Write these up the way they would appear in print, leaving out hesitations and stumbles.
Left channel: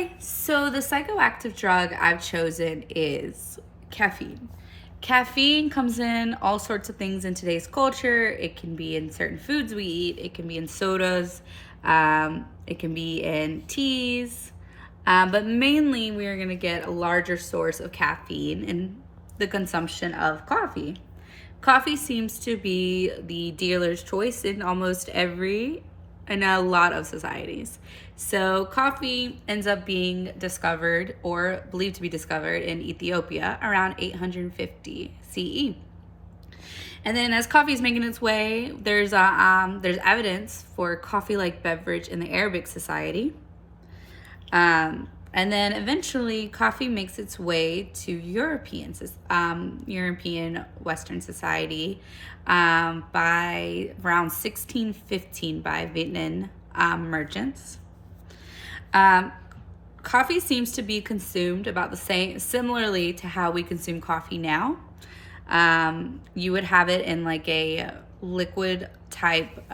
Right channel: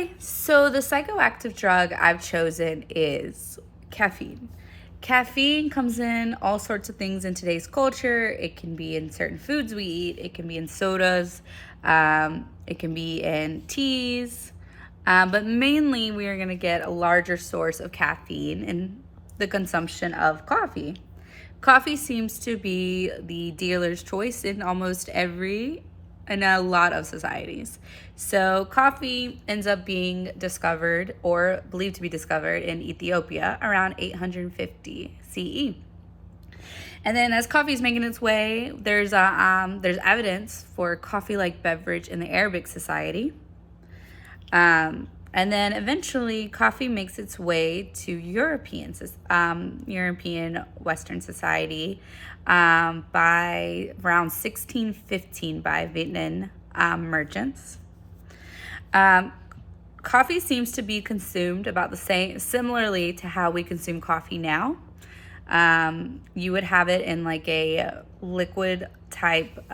Okay, so the psychoactive drug I've chosen is caffeine. Caffeine comes in all sorts of things in today's culture. It can be in certain foods we eat, it can be in sodas, it can be in teas, but mainly we are going to get a larger source of caffeine in the consumption of coffee. Coffee seems to be the dealer's choice in a lot of societies. So coffee ends up being discovered or believed to be discovered in Ethiopia around 850 CE. And then as coffee is making its way, there's evidence for coffee-like beverage in the Arabic society. And then eventually coffee makes its way to European Western society by around 1615 by Vietnam merchants. Coffee seems to be consumed about the same, similarly to how we consume coffee now. You would have it in like a liquid type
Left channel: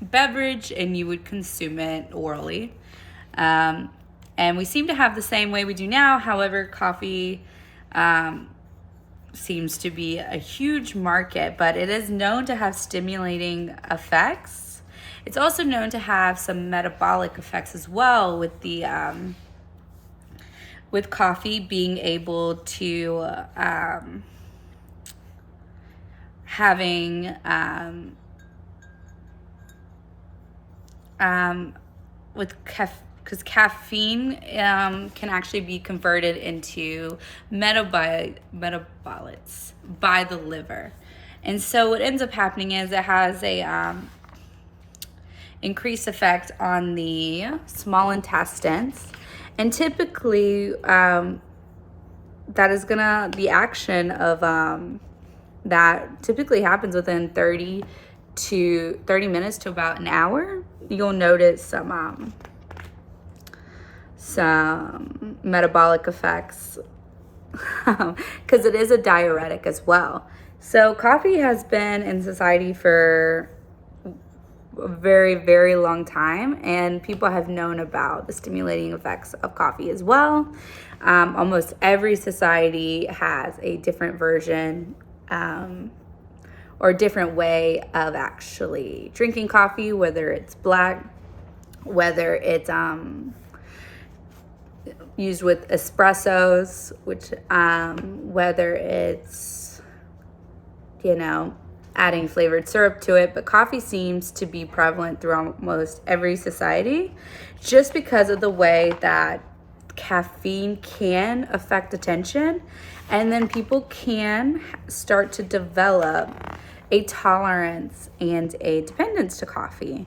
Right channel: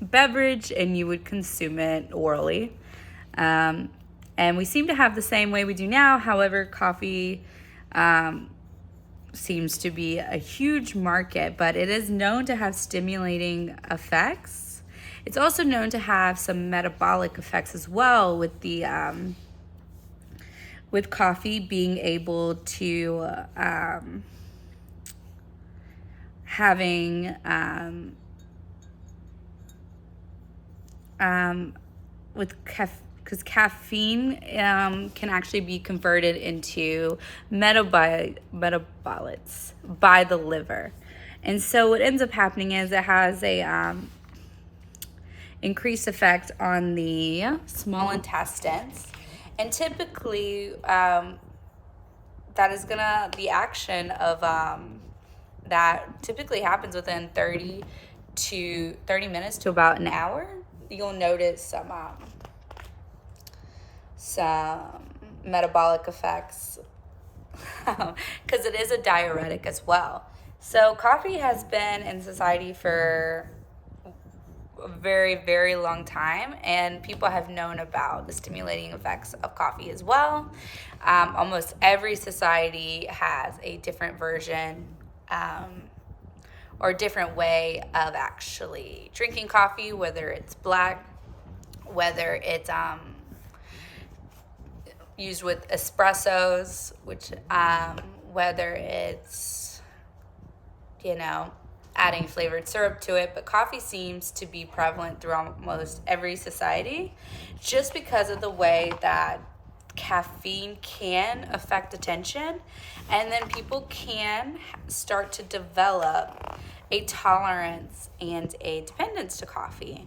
beverage and you would consume it orally. And we seem to have the same way we do now. However, coffee seems to be a huge market, but it is known to have stimulating effects. It's also known to have some metabolic effects as well, with coffee being able to having because caffeine can actually be converted into metabolites by the liver. And so what ends up happening is it has a increased effect on the small intestines. And typically the action of that typically happens within 30 minutes to about an hour. You'll notice some metabolic effects because it is a diuretic as well. So coffee has been in society for a very, very long time, and people have known about the stimulating effects of coffee as well. Almost every society has a different version or a different way of actually drinking coffee, whether it's black, whether it's used with espressos, which whether it's, adding flavored syrup to it, but coffee seems to be prevalent through almost every society just because of the way that caffeine can affect attention, and then people can start to develop a tolerance and a dependence to coffee.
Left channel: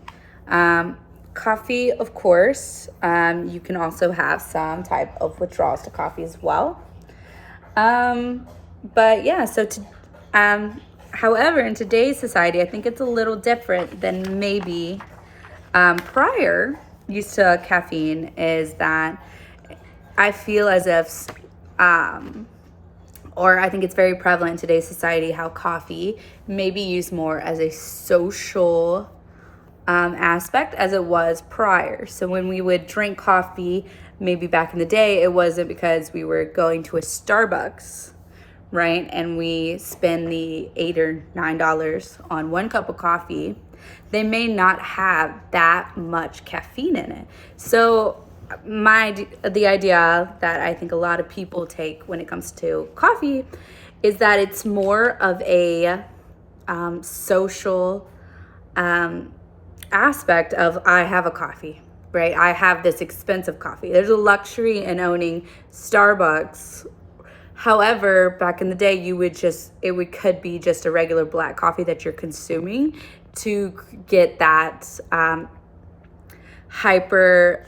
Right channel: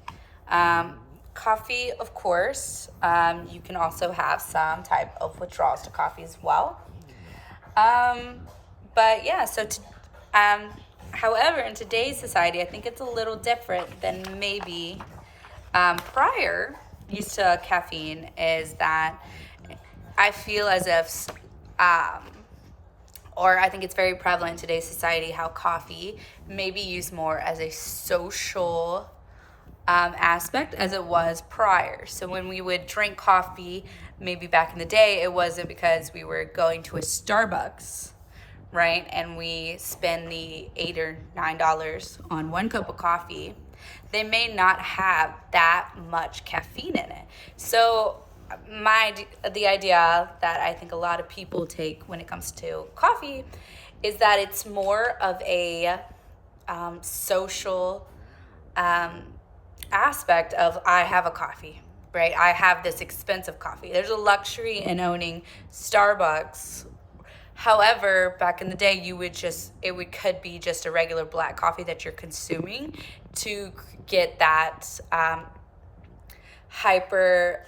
Coffee, of course, you can also have some type of withdrawals to coffee as well. But yeah, however, in today's society, I think it's a little different than maybe prior use to caffeine, is that I feel as if, or I think it's very prevalent in today's society, how coffee may be used more as a social aspect as it was prior. So when we would drink coffee, maybe back in the day, it wasn't because we were going to a Starbucks, right? And we spend the $8 or $9 on one cup of coffee. They may not have that much caffeine in it. So the idea that I think a lot of people take when it comes to coffee is that it's more of a social aspect of, I have a coffee, right? I have this expensive coffee. There's a luxury in owning Starbucks. However, back in the day, could be just a regular black coffee that you're consuming to get that not hyper,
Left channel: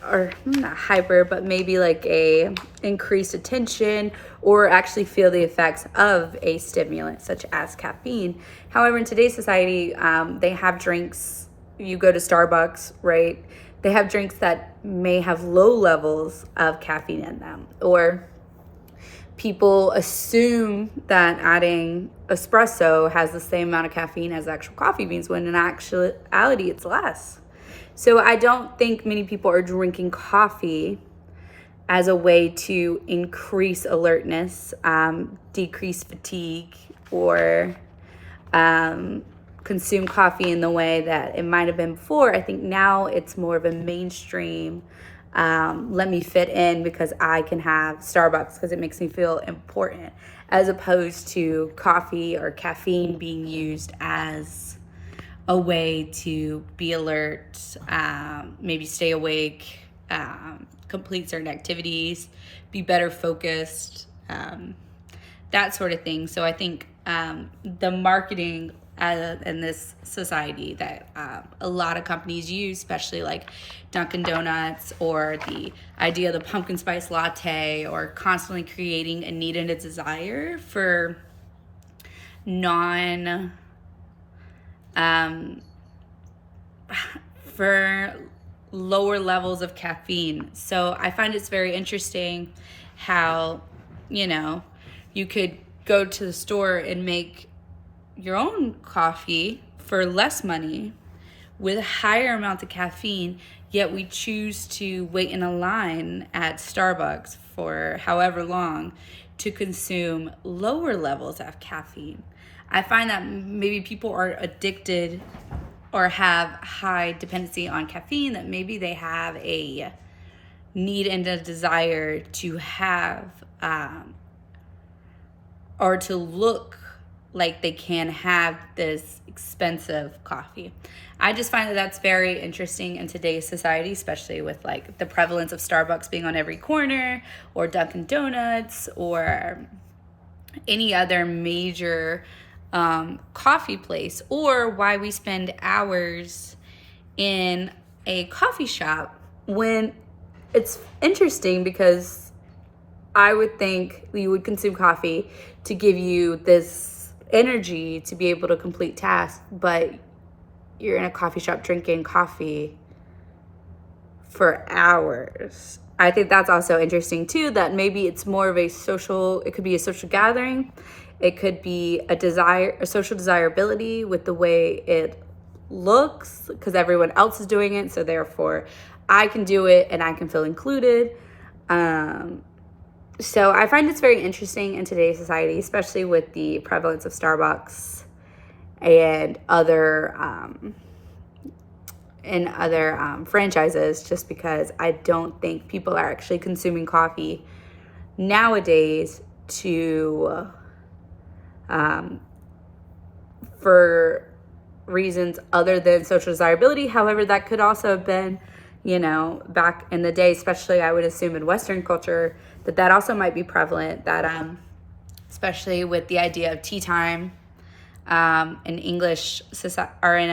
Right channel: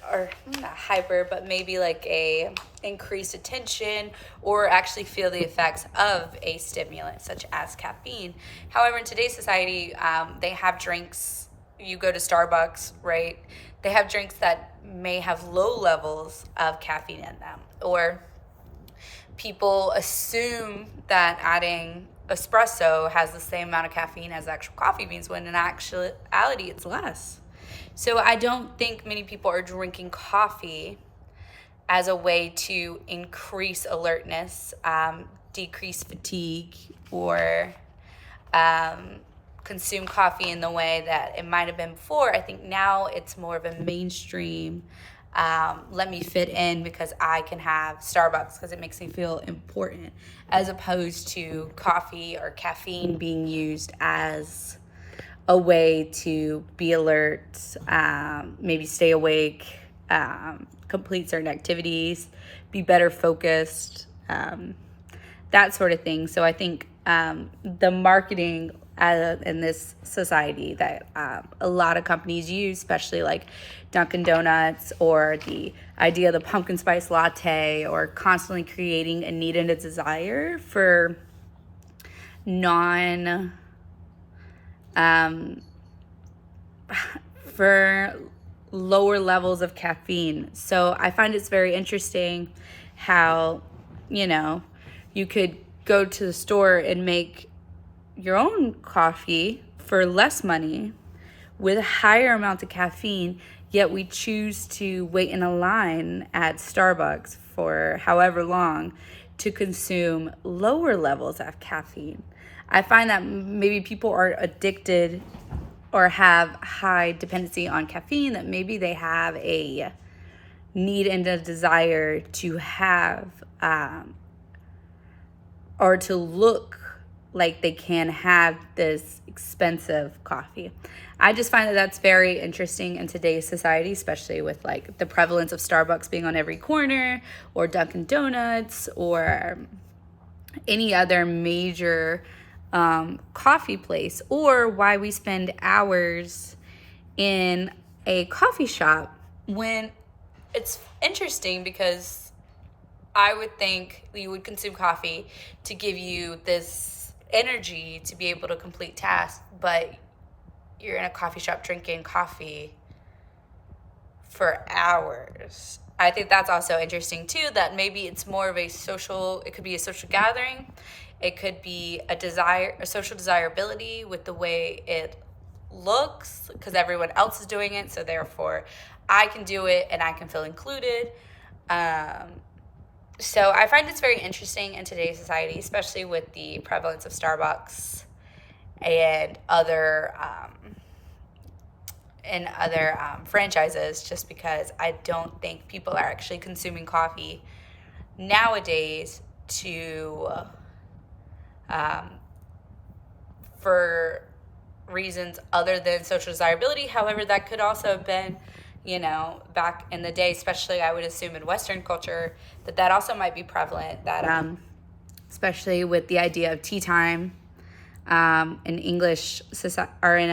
but maybe like a increased attention, or actually feel the effects of a stimulant such as caffeine. However, in today's society, they have drinks. You go to Starbucks, right? They have drinks that may have low levels of caffeine in them, or people assume that adding espresso has the same amount of caffeine as actual coffee beans, when in actuality it's less. So I don't think many people are drinking coffee as a way to increase alertness, decrease fatigue, or consume coffee in the way that it might have been before. I think now it's more of a mainstream, let me fit in because I can have Starbucks because it makes me feel important, as opposed to coffee or caffeine being used as a way to be alert, maybe stay awake, complete certain activities, be better focused, that sort of thing. So I think the marketing in this society that a lot of companies use, especially like Dunkin' Donuts, or the idea of the pumpkin spice latte, or constantly creating a need and a desire for for lower levels of caffeine. So I find it's very interesting how, you could go to the store and make your own coffee for less money with a higher amount of caffeine, yet we choose to wait in a line at Starbucks for however long to consume lower levels of caffeine. I find that maybe people are addicted or have high dependency on caffeine, that maybe they have a need and a desire to have or to look like they can have this expensive coffee. I just find that that's very interesting in today's society, especially with like the prevalence of Starbucks being on every corner, or Dunkin' Donuts, or any other major coffee place, or why we spend hours in a coffee shop when it's interesting, because I would think you would consume coffee to give you this energy to be able to complete tasks, but you're in a coffee shop drinking coffee for hours. I think that's also interesting too, that maybe it's more of it could be a social gathering. It could be a social desirability with the way it looks, because everyone else is doing it, so therefore I can do it and I can feel included. So I find it's very interesting in today's society, especially with the prevalence of Starbucks and other franchises, just because I don't think people are actually consuming coffee nowadays for reasons other than social desirability. However, that could also have been, back in the day, especially I would assume in Western culture, that also might be prevalent, that especially with the idea of tea time in English society, or in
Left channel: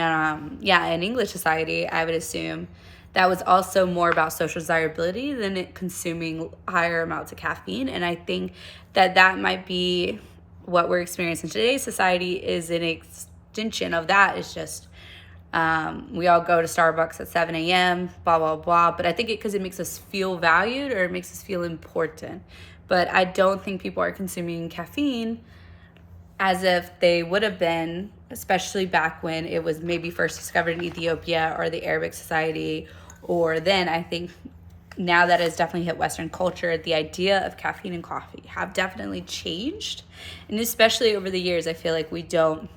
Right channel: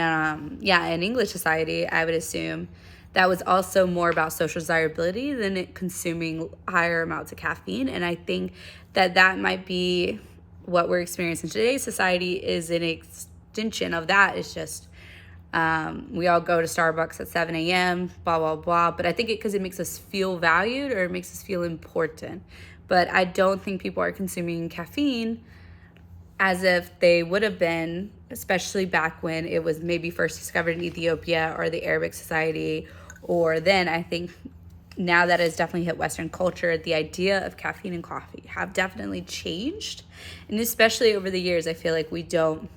English society, I would assume that was also more about social desirability than it consuming higher amounts of caffeine. And I think that might be what we're experiencing in today's society, is an extension of that. It's just we all go to Starbucks at 7 a.m., blah, blah, blah. But I think because it makes us feel valued, or it makes us feel important. But I don't think people are consuming caffeine as if they would have been, especially back when it was maybe first discovered in Ethiopia or the Arabic society. Or then I think now that it's definitely hit Western culture, the idea of caffeine and coffee have definitely changed. And especially over the years, I feel like we don't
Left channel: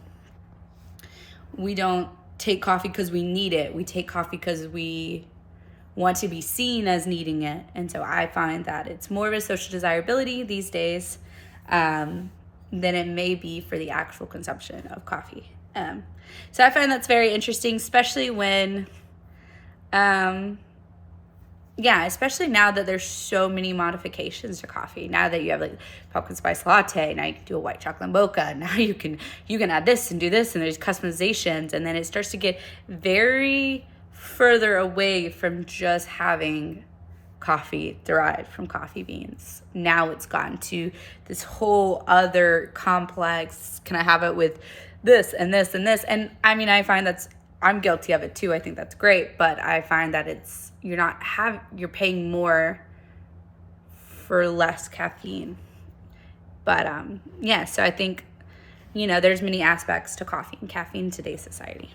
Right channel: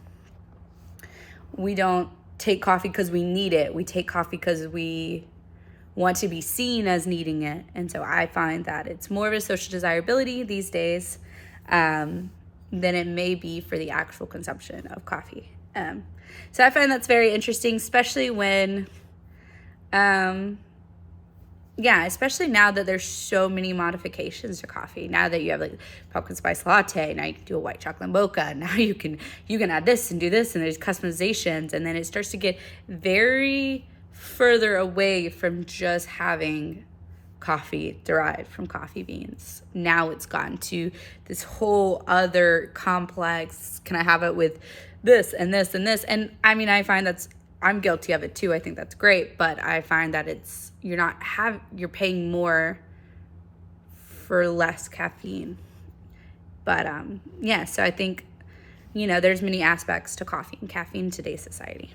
take coffee because we need it. We take coffee because we want to be seen as needing it. And so I find that it's more of a social desirability these days than it may be for the actual consumption of coffee. So I find that's very interesting, especially when, especially now that there's so many modifications to coffee. Now that you have like pumpkin spice latte, now you can do a white chocolate mocha. Now you can add this and do this, and there's customizations, and then it starts to get very further away from just having coffee derived from coffee beans. Now it's gotten to this whole other complex. Can I have it with this and this and this? And I mean, I find I'm guilty of it too. I think that's great, but I find that you're paying more for less caffeine. But so I think, there's many aspects to coffee and caffeine in today's society.